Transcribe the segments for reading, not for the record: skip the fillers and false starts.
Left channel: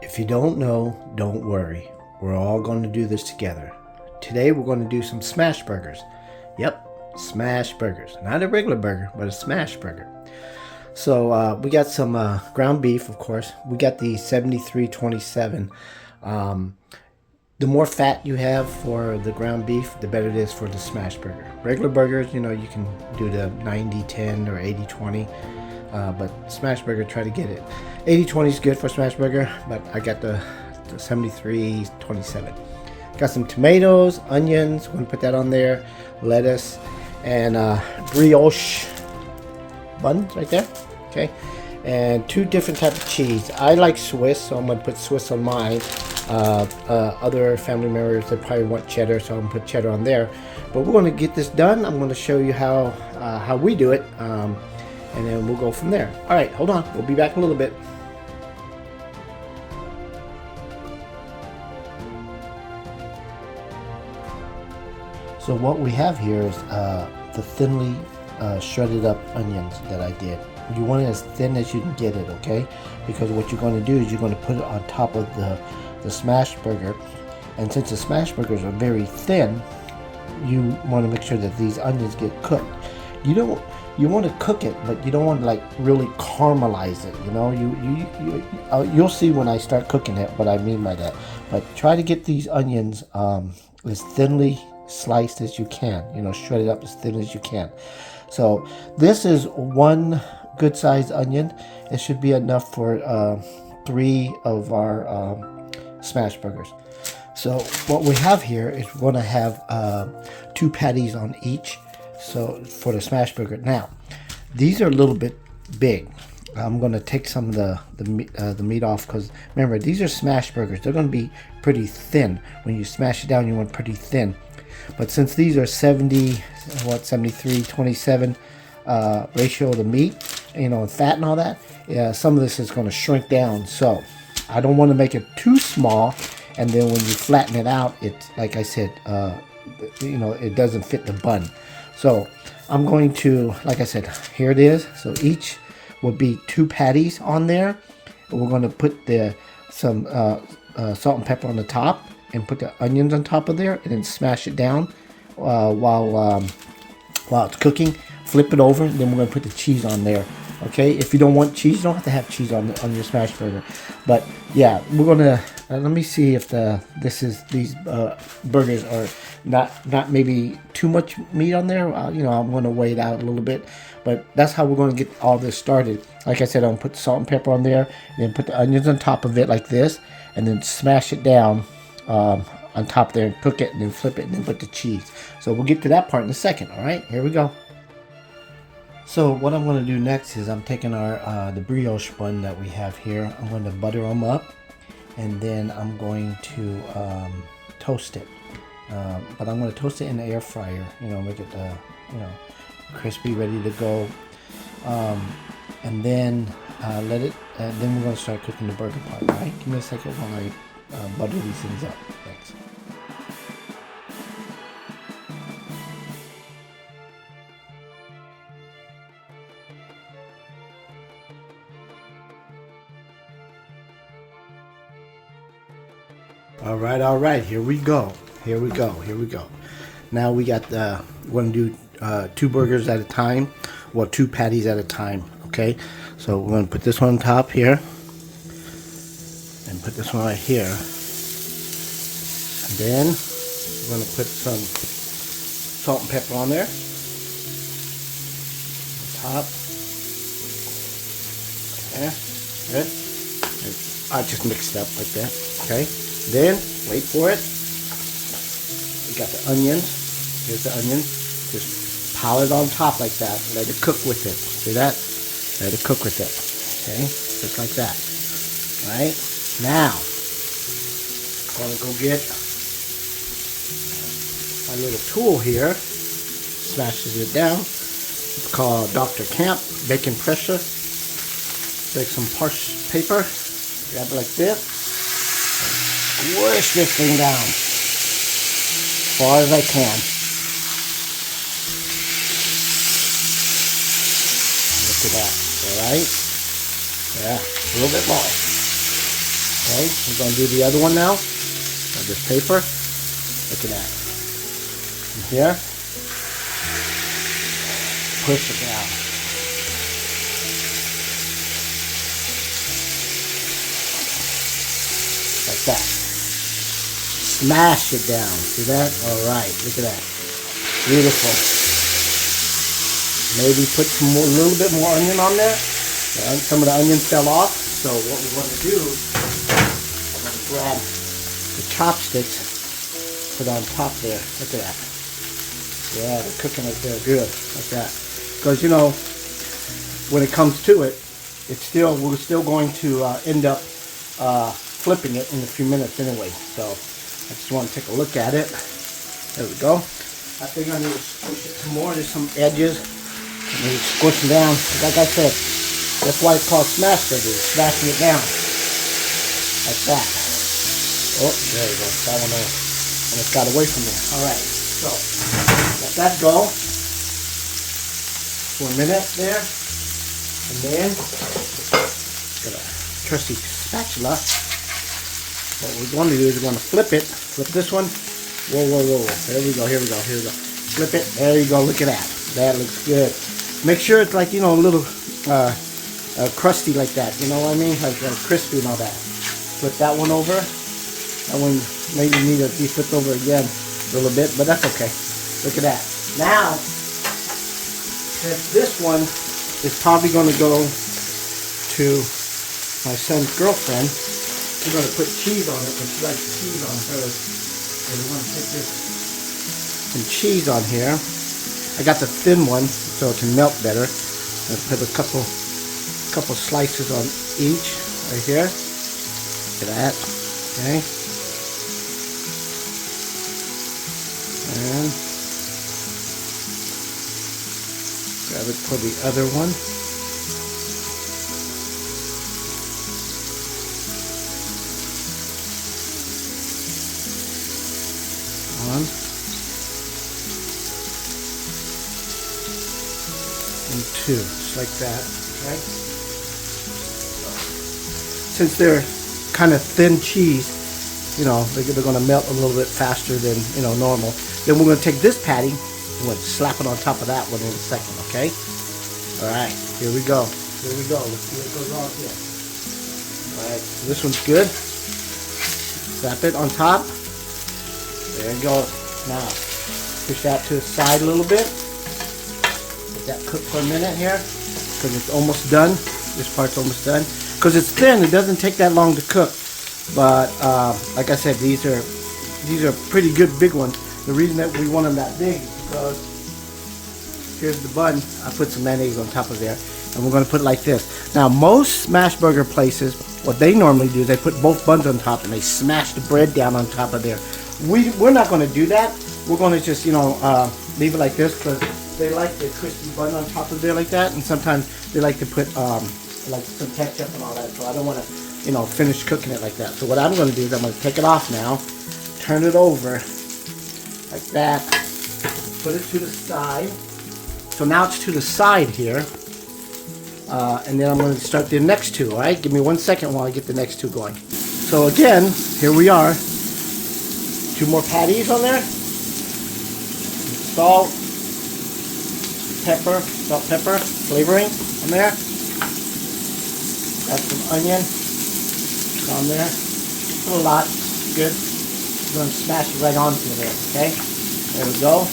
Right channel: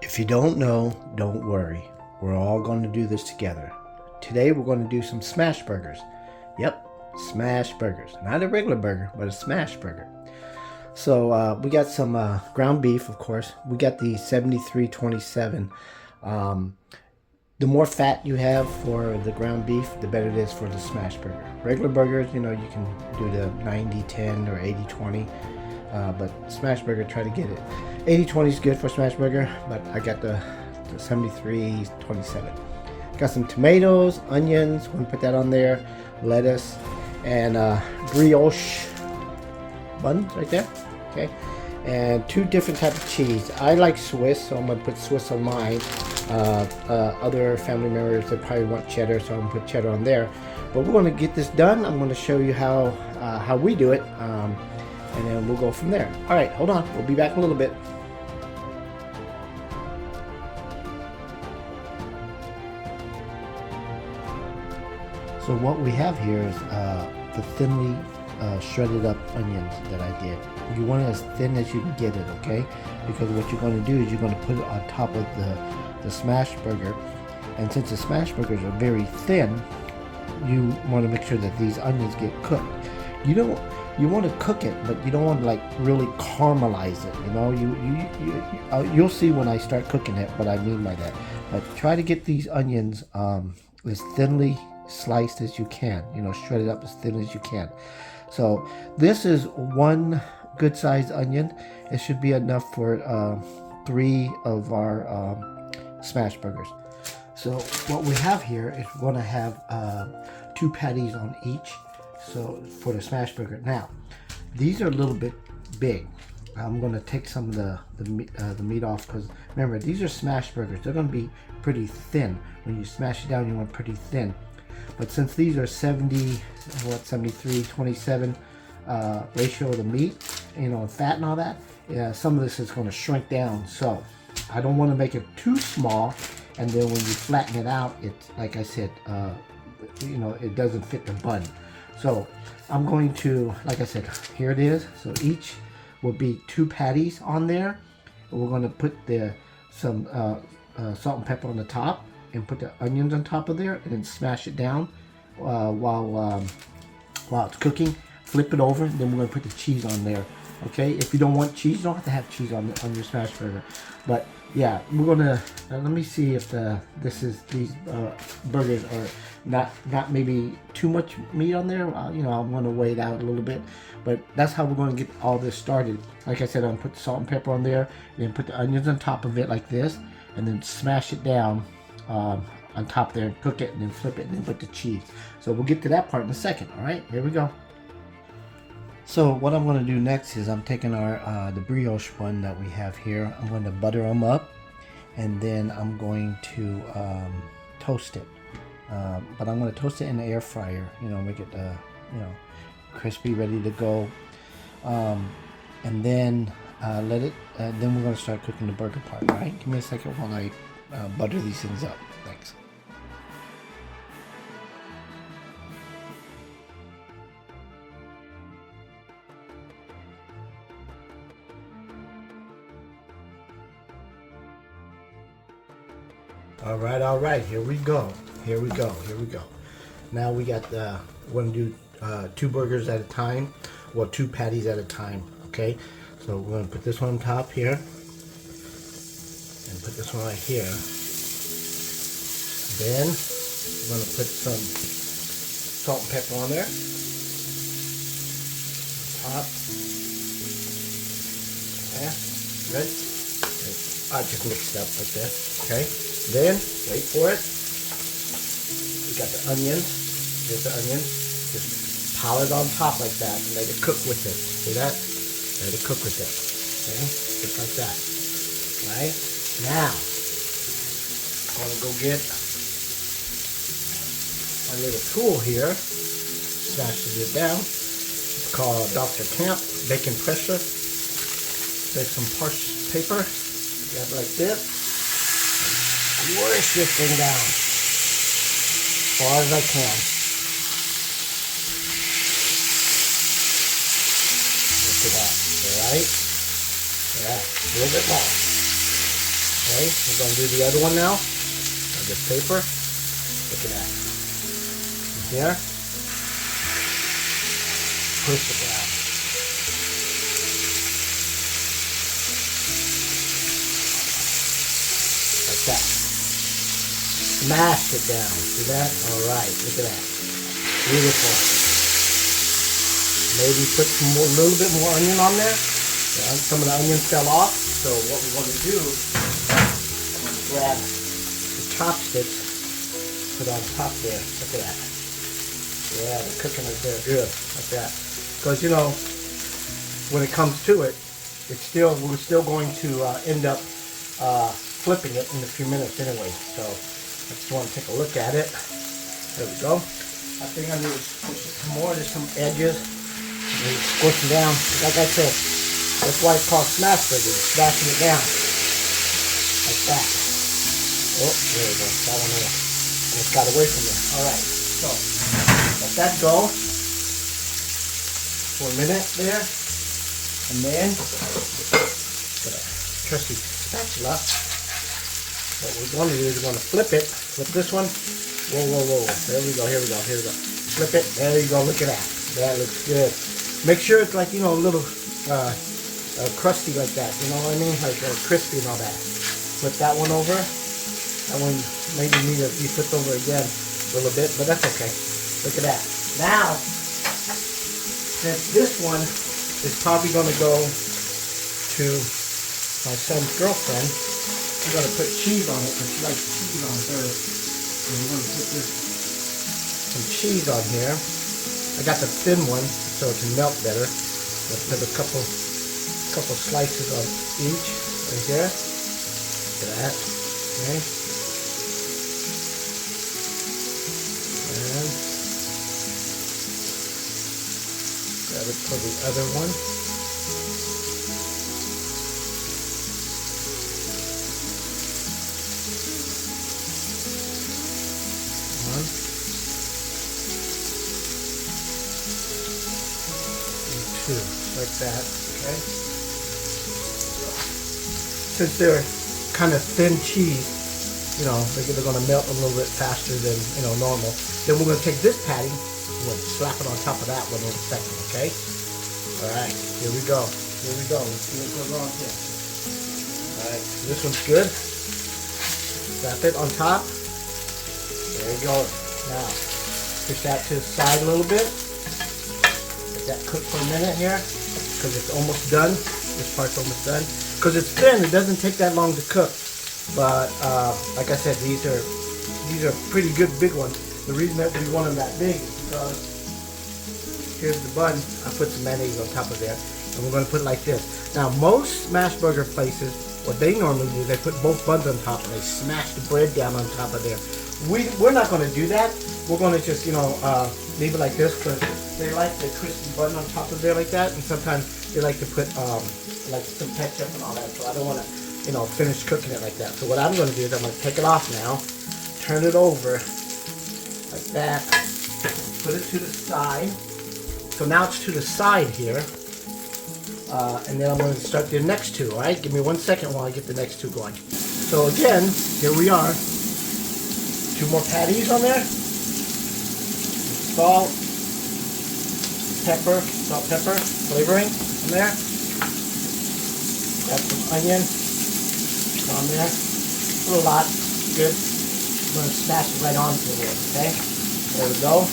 If you don't know, don't worry. We're all going to do this together. Today we're going to do some smash burgers. Yep, smash burgers. Not a regular burger, but a smash burger. So we got some ground beef, of course. We got the 7327. The more fat you have for the ground beef, the better it is for the smash burger. Regular burgers, you can do the 90-10 or 80-20. But smash burger, try to get it. 80-20 is good for smash burger, but I got the 73-27. Got some tomatoes, onions, I'm gonna put that on there, lettuce, and brioche buns right there. Okay, and two different types of cheese. I like Swiss, so I'm gonna put Swiss on mine. Other family members, they probably want cheddar, so I'm gonna put cheddar on there. But we're gonna get this done. I'm gonna show you how we do it, and then we'll go from there. All right, hold on. We'll be back in a little bit. So what we have here is the thinly shredded up onions that I did. You want it as thin as you can get it, okay? Because what you're going to do is you're going to put it on top of the smash burger. And since the smash burgers are very thin, you want to make sure that these onions get cooked. You want to cook it, but you don't want to like really caramelize it. You'll see when I start cooking it what I mean by that. But try to get these onions as thinly sliced as you can. Shred it up as thin as you can. So this is one good sized onion. It should be enough for 3 of our smash burgers. So what we have here is we're going to have 2 patties on each. So for the smash burger. Now, these are a little bit big. I'm going to take some of the meat off because remember, these are smash burgers. They're going to be pretty thin. When you smash it down, you want pretty thin. But since these are 73-27 ratio of the meat, fat and all that, some of this is going to shrink down. So I don't want to make it too small, and then when you flatten it out, it's like I said, it doesn't fit the bun. So I'm going to, like I said, here it is. So each will be 2 patties on there. And we're going to put some salt and pepper on the top, and put the onions on top of there, and then smash it down while it's cooking. Flip it over, and then we're going to put the cheese on there. Okay, if you don't want cheese, you don't have to have cheese on your smash burger. But yeah, we're gonna let me see if these burgers are not maybe too much meat on there. I'm gonna weigh it out a little bit, but that's how we're gonna get all this started. Like I said, I'm gonna put the salt and pepper on there, and then put the onions on top of it like this, and then smash it down on top there and cook it, and then flip it, and then put the cheese. So we'll get to that part in a second. All right, here we go. So what I'm going to do next is I'm taking the brioche bun that we have here. I'm going to butter them up, and then I'm going to toast it. But I'm going to toast it in the air fryer. Make it crispy, ready to go. And then let it. Then we're going to start cooking the burger part. All right, give me a second while I butter these things up. Thanks. All right, here we go. Now we got we're going to do 2 burgers at a time, or 2 patties at a time, okay? So we're going to put this one on top here, and put this one right here. And then we're going to put some salt and pepper on there. Top. Okay, good. I just mixed it up like that, okay? Then, wait for it. We got the onions. Here's the onion. Just pile it on top like that. Let it cook with it. See that? Let it cook with it. Okay? Just like that. Right? Now, I'm going to go get a little tool here. Smashes it down. It's called Dr. Camp Bacon Pressure. Take some parchment paper. Grab it like this. Squish this thing down as far as I can. Look at that, alright? Yeah, a little bit more. Okay, we're going to do the other one now. On this paper. Look at that. And here. Push it down. Like that. Smash it down. See that? Alright, look at that. Beautiful. Maybe put some more, a little bit more onion on there. And some of the onion fell off. So what we want to do, I'm going to grab the chopsticks, put on top there. Look at that. Yeah, they're cooking it there good, like that. Because you know, when it comes to it, we're still going to end up flipping it in a few minutes anyway. So I just want to take a look at it. There we go. I think I need to squish it some more. There's some edges. I need to squish them down. Like I said, that's why it's called smash burger. Smashing it down. Like that. Oh, there we go. That one there. And it's got away from there. Alright. So, let that go for a minute there. And then, got a trusty spatula. What we're going to do is we're going to flip it. Flip this one. Whoa, whoa, whoa. There we go. Here we go. Here we go. Flip it. There you go. Look at that. That looks good. Make sure it's like, you know, a little crusty like that. You know what I mean? Like crispy and all that. Flip that one over. That one maybe need to be flipped over again a little bit, but that's okay. Look at that. Now, since this one is probably going to go to my son's girlfriend, we're going to put cheese on it, because she likes cheese on hers. So we're going to put some cheese on here. I got the thin one, so it can melt better. Let's put a couple slices on each, right here. Look at that. Okay. And grab it for the other one. One. And two, just like that, okay? Since they're kind of thin cheese, you know, they're going to melt a little bit faster than, you know, normal. Then we're going to take this patty and we'll slap it on top of that one in a second, okay? Alright, here we go. Here we go. Let's see what goes on here. Alright, so this one's good. Slap it on top. There we go. Now, push that to the side a little bit. Let that cook for a minute here, because it's almost done. This part's almost done. Because it's thin, it doesn't take that long to cook. But like I said, these are pretty good big ones. The reason that we want them that big is because here's the bun. I put some mayonnaise on top of there, and we're going to put it like this. Now, most smash burger places, what they normally do is they put both buns on top and they smash the bread down on top of there. We're not going to do that. We're going to just, you know, leave it like this, because they like the crispy bun on top of there like that, and sometimes they like to put like some ketchup and all that. So I don't want to, you know, finish cooking it like that. So what I'm going to do is I'm going to take it off now, turn it over like that, put it to the side. So now it's to the side here, and then I'm going to start the next two. All right, give me 1 second while I get the next two going. So again, here we are. 2 more patties on there. Salt, pepper, salt, pepper, flavoring in there. Got some onion on there. A lot. Good. I'm going to smash it right onto there, okay? There we go.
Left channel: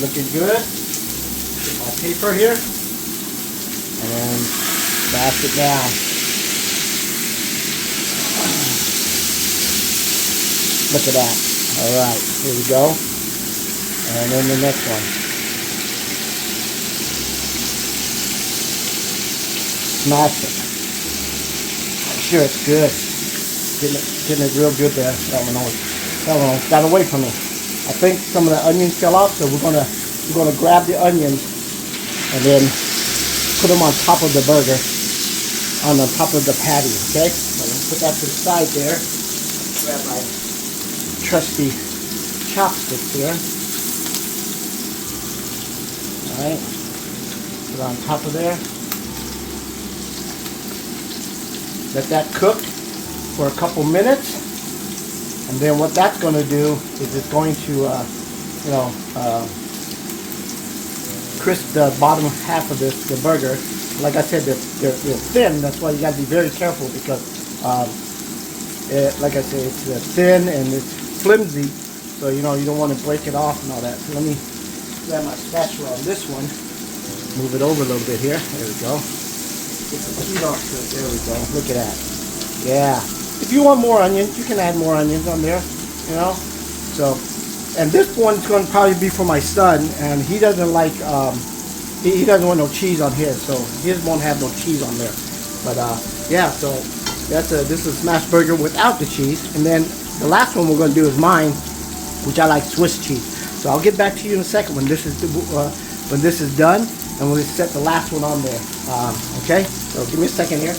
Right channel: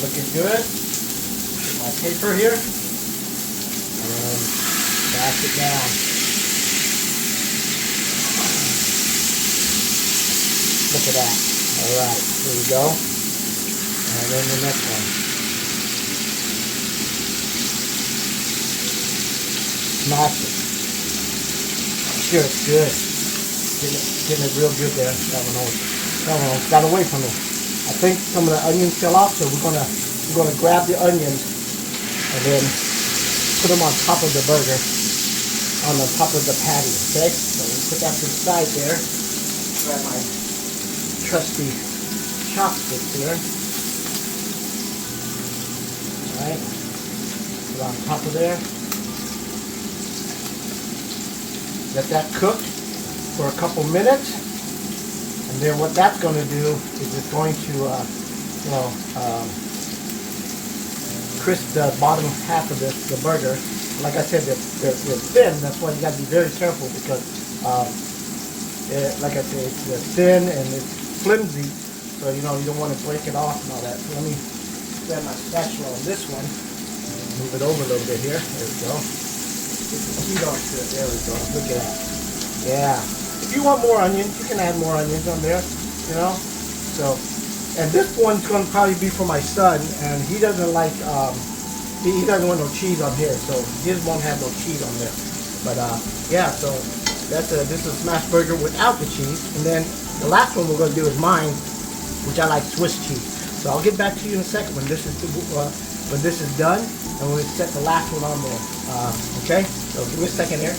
Looking good. Get my paper here. And smash it down. Look at that. Alright, here we go. And then the next one. Smash it. Sure, it's good. Getting it real good there. That one got away from me. I think some of the onions fell off, so we're gonna grab the onions and then put them on top of the burger, on the top of the patty. Okay, so we'll put that to the side there. Grab my trusty chopsticks here. All right, put it on top of there. Let that cook. for a couple minutes, and then what that's going to do is it's going to, crisp the bottom half of the burger. Like I said, they're thin. That's why you got to be very careful because, like I said, it's thin and it's flimsy. So you don't want to break it off and all that. So let me grab my spatula on this one. Move it over a little bit here. There we go. Get some heat off to it. There we go. Look at that. Yeah. If you want more onions, you can add more onions on there. So, and this one's going to probably be for my son, and he doesn't like, he doesn't want no cheese on here, so his won't have no cheese on there. But yeah, so this is a smash burger without the cheese. And then the last one we're going to do is mine, which I like Swiss cheese. So I'll get back to you in a second when this is done, and we'll set the last one on there. Okay, so give me a second here.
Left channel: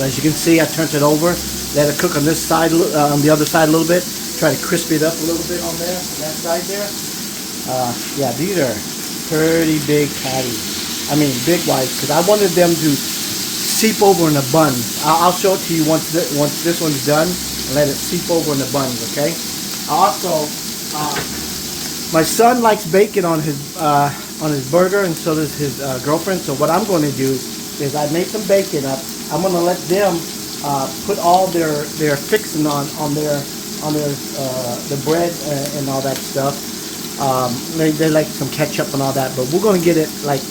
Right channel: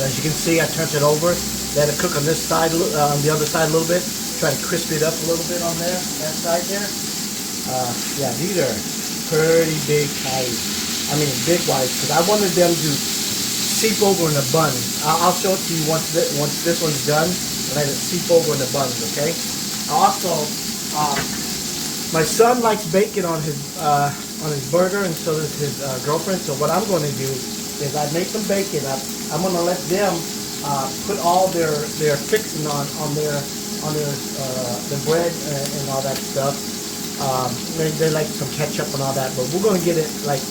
So as you can see, I turned it over, let it cook on this side, on the other side a little bit. Try to crisp it up a little bit on there, on that side there. Yeah, these are pretty big patties. I mean, big wise, because I wanted them to seep over in the bun. I'll show it to you once this one's done. Let it seep over in the bun, okay? Also, my son likes bacon on his burger, and so does his girlfriend. So what I'm going to do is I make some bacon up. I'm going to let them put all their fixing on their the bread and all that stuff. They like some ketchup and all that, but we're going to get it like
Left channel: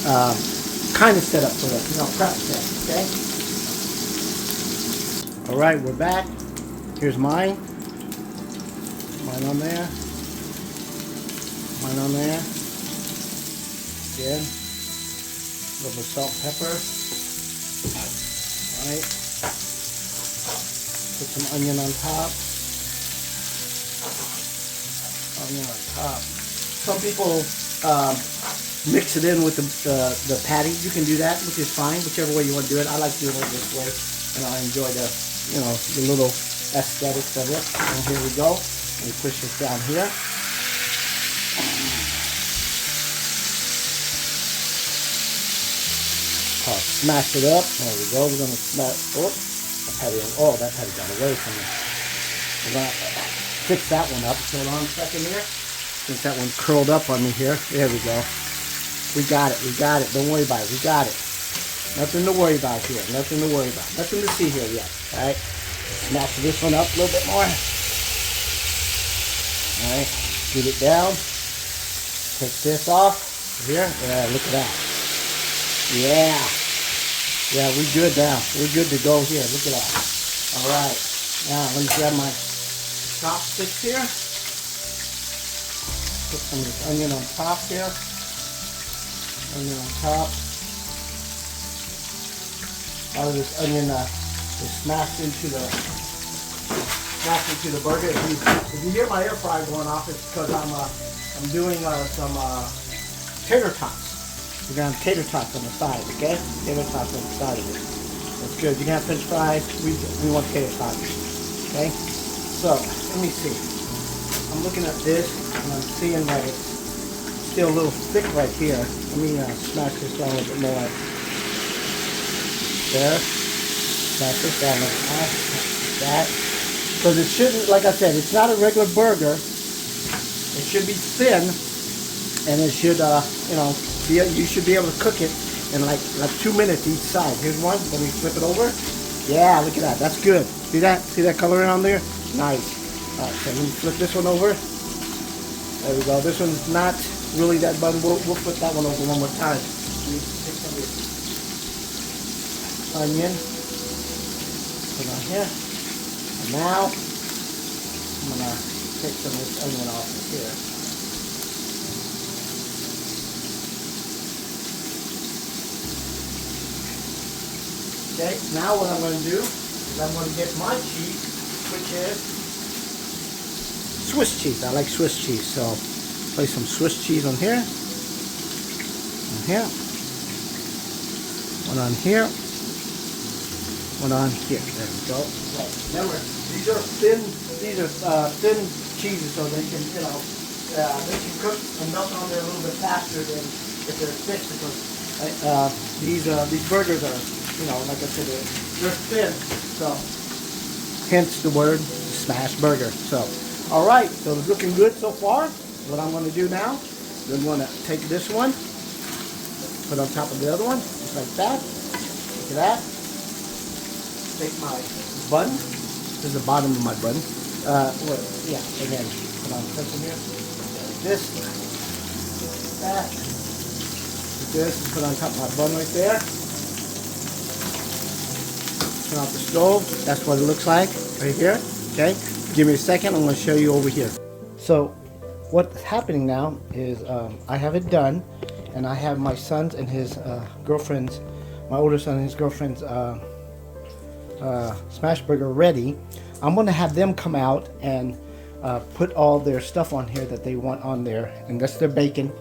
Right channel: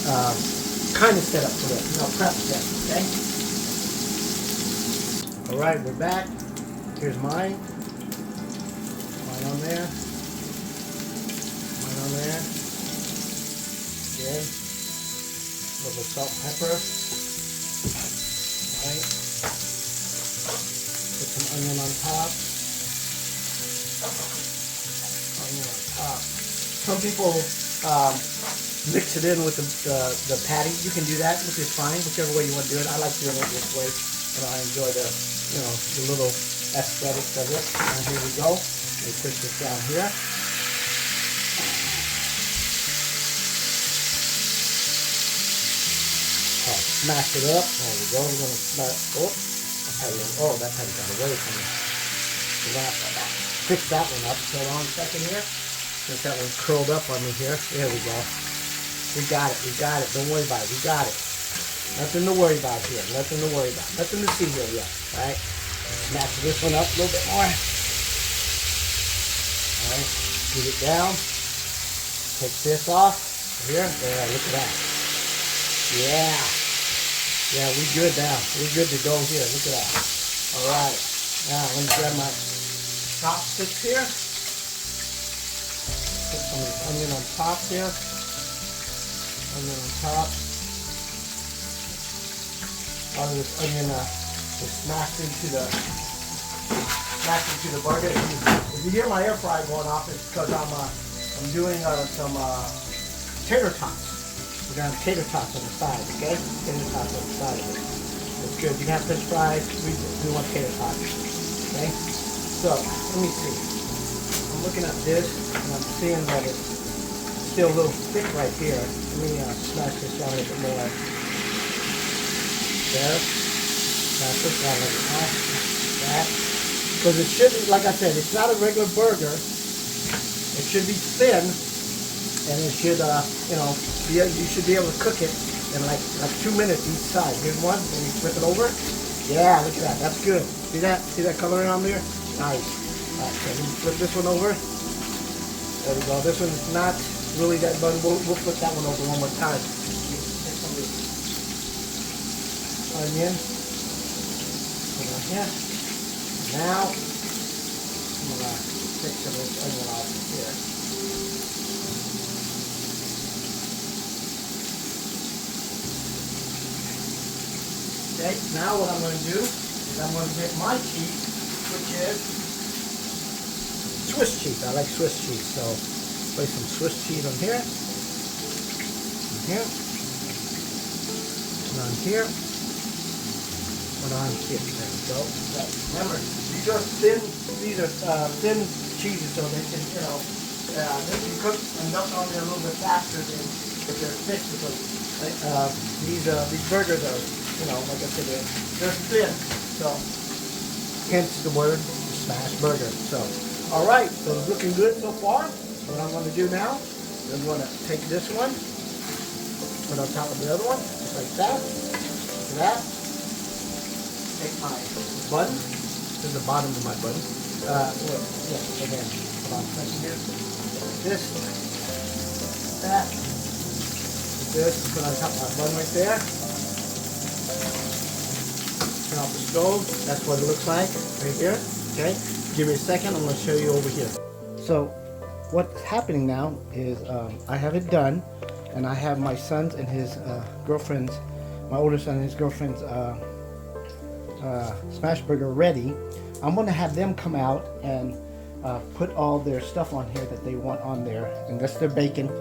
kind of set up for it, prep set. Okay. All right, we're back. Here's mine. Mine on there. Mine on there. Good. A little salt, pepper. Right. Put some onion on top. Onion on top. Some people mix it in with the patties. You can do that, which is fine, whichever way you want to do it. I like doing it this way, and I enjoy the little aesthetics of it. And here we go. And we push this down here. Smash it up. There we go. We're going to smash. That patty got away from me. We're going to fix that one up. Hold on a second here. Since that one curled up on me here. There we go. We got it. We got it. Don't worry about it. We got it. Nothing to worry about here. Nothing to worry about. Nothing to see here yet. Alright. Smash this one up a little bit more. Alright. Get it down. Take this off. Here. Yeah, look at that. Yeah. Yeah, we're good now. We're good to go here. Look at that. All right. Now, let me grab my chopsticks here. Put some of this onion on top here. Onion on top. All of this onion is smashed into the burger. If you hear my air fryer going off, it's because I'm doing some tater tots. We're going to have tater tots on the side, okay? Tater tots on the side of it. That's good. You can have French fries. We want tater tots, okay? So, let me see. I'm looking at this, and I'm seeing that it's still a little thick right here. Let me smash this down a little bit more. There. Smash this down like that. Because it shouldn't, like I said, it's not a regular burger. It should be thin, and it should, you should be able to cook it in like 2 minutes each side. Here's one. Let me flip it over. Yeah, look at that. That's good. See that? See that coloring on there? Nice. Okay, let me flip this one over. There we go. This one's not really that button. We'll flip that one over one more time. Take some of this onion. Put it on here. Now, I'm going to take some of this onion off here. Okay, now what I'm going to do is I'm going to get my cheese, which is Swiss cheese. I like Swiss cheese, so place some Swiss cheese on here. On here. One on here. One on here. There we go. Okay. Remember, these are thin cheeses, so they can, you know, they can cook and melt on there a little bit faster than if they're thick, because these burgers are, you know, like I said, they're thin. So, hence the word smash burger. So, all right. So it's looking good so far. What I'm going to do now is I'm going to take this one, put on top of the other one, just like that. Look at that. Take my bun. This is the bottom of my bun. Yeah, and then something here. This, that, this, put on top of my bun right there. Turn off the stove. That's what it looks like right here. Okay. Give me a second. I'm going to show you over here. So, what's happening now is I have it done, and I have my son's and his girlfriend's, my older son and his girlfriend's smash burger ready. I'm going to have them come out and put all their stuff on here that they want on there, and that's their bacon,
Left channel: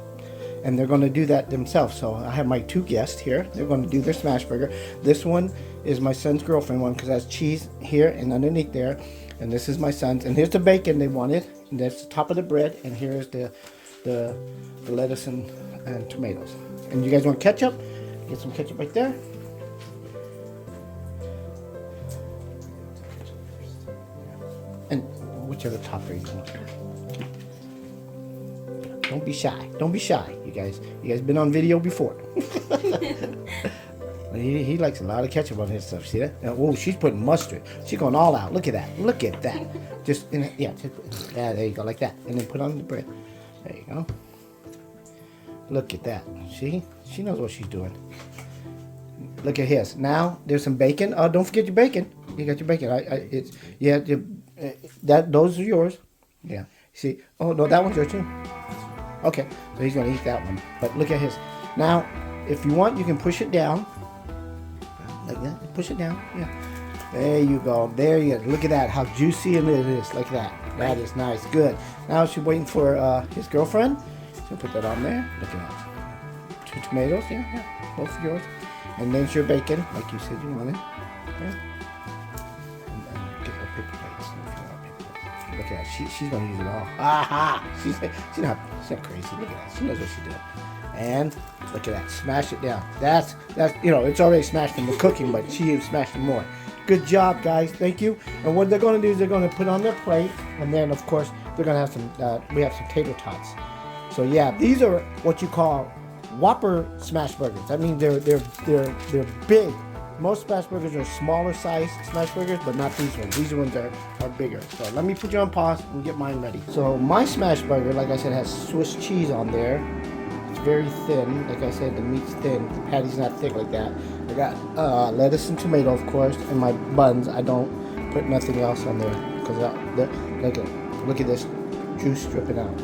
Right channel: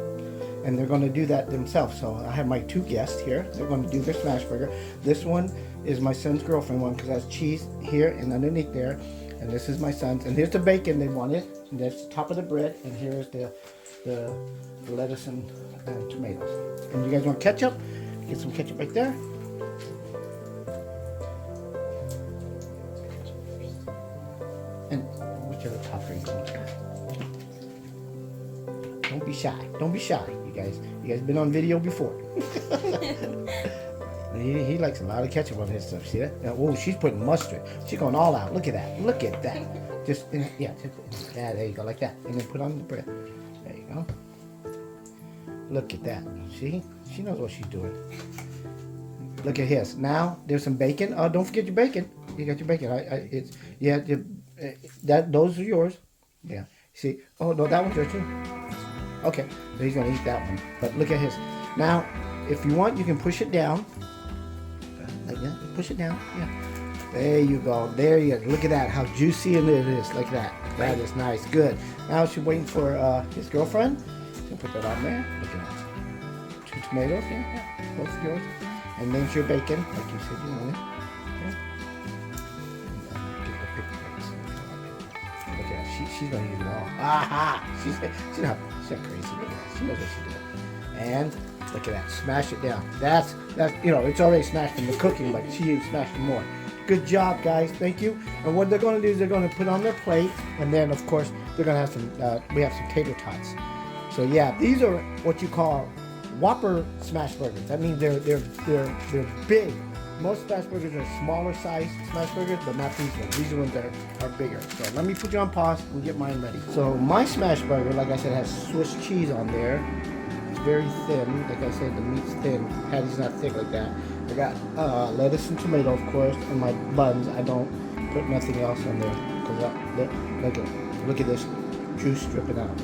and they're going to do that themselves. So I have my two guests here. They're going to do their smash burger. This one is my son's girlfriend one, because it has cheese here and underneath there, and this is my son's, and here's the bacon they wanted, and that's the top of the bread, and here's the lettuce and tomatoes. And you guys want ketchup? Get some ketchup right there. And whichever top are you going? Don't be shy. Don't be shy, you guys. You guys been on video before. He likes a lot of ketchup on his stuff. See that? Oh, she's putting mustard. She's going all out. Look at that. Look at that. Just yeah. There you go, like that. And then put on the bread. There you go. Look at that. See? She knows what she's doing. Look at his. Now there's some bacon. Oh, don't forget your bacon. You got your bacon. It's yeah. Those are yours. Yeah. See? Oh no, that one's yours too. Okay. So he's gonna eat that one. But look at his. Now, if you want, you can push it down. Like that. Push it down. Yeah. There you go. There you go. Look at that. How juicy it is. Like that. That is nice. Good. Now she's waiting for his girlfriend. So put that on there. Look at that. 2 tomatoes. Yeah. Both of yours. And then your bacon, like you said you wanted. Okay. Look at that. She's gonna use it all. Aha! She's not crazy. Look at that. She knows what she's doing. And look at that. Smash it down. That's you know, it's already smashed in the cooking, but she smashed it more. Good job, guys. Thank you. And what they're gonna do is they're gonna put on their plate, and then of course they're gonna have some. We have some tater tots. So yeah, these are what you call Whopper smash burgers. That means they're big. Most smash burgers are smaller size smash burgers, but not these ones. These ones are bigger. So let me put you on pause and get mine ready. So my smash burger, like I said, has Swiss cheese on there. It's very thin. Like I said, the meat's thin. The patty's not thick like that. I got lettuce and tomato, of course, and my buns. I don't put nothing else on there because look at this juice dripping out.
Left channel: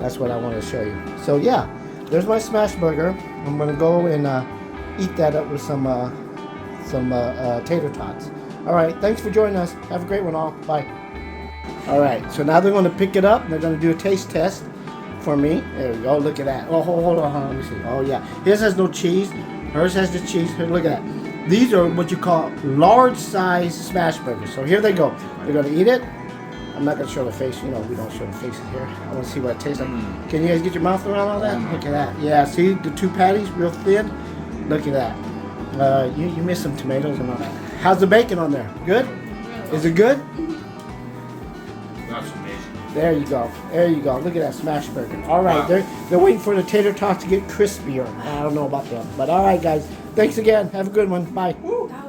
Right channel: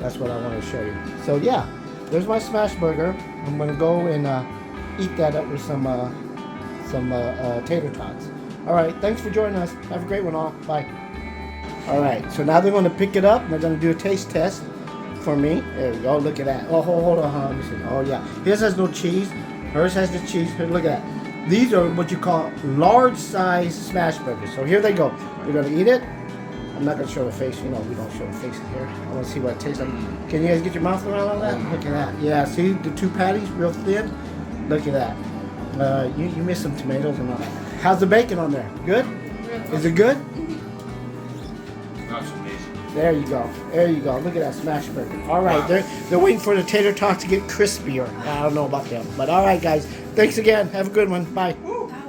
That's what I want to show you. So yeah, there's my smash burger. I'm gonna go and eat that up with some tater tots. All right, thanks for joining us. Have a great one, all. Bye. All right, so now they're going to pick it up. And they're going to do a taste test for me. There we go. Look at that. Oh, hold on. Let me see. Oh yeah, his has no cheese. Hers has the cheese. Here, look at that. These are what you call large size smash burgers. So here they go. They're going to eat it. I'm not going to show the face. You know, we don't show the faces here. I want to see what it tastes like. Can you guys get your mouth around all that? Look at that. Yeah, see the 2 patties, real thin. Look at that. You missed some tomatoes and all that. How's the bacon on there? Good? Is it good? That's amazing. There you go. There you go. Look at that smash burger. All right, wow. They're waiting for the tater tots to get crispier. I don't know about them. But all right, guys. Thanks again. Have a good one. Bye.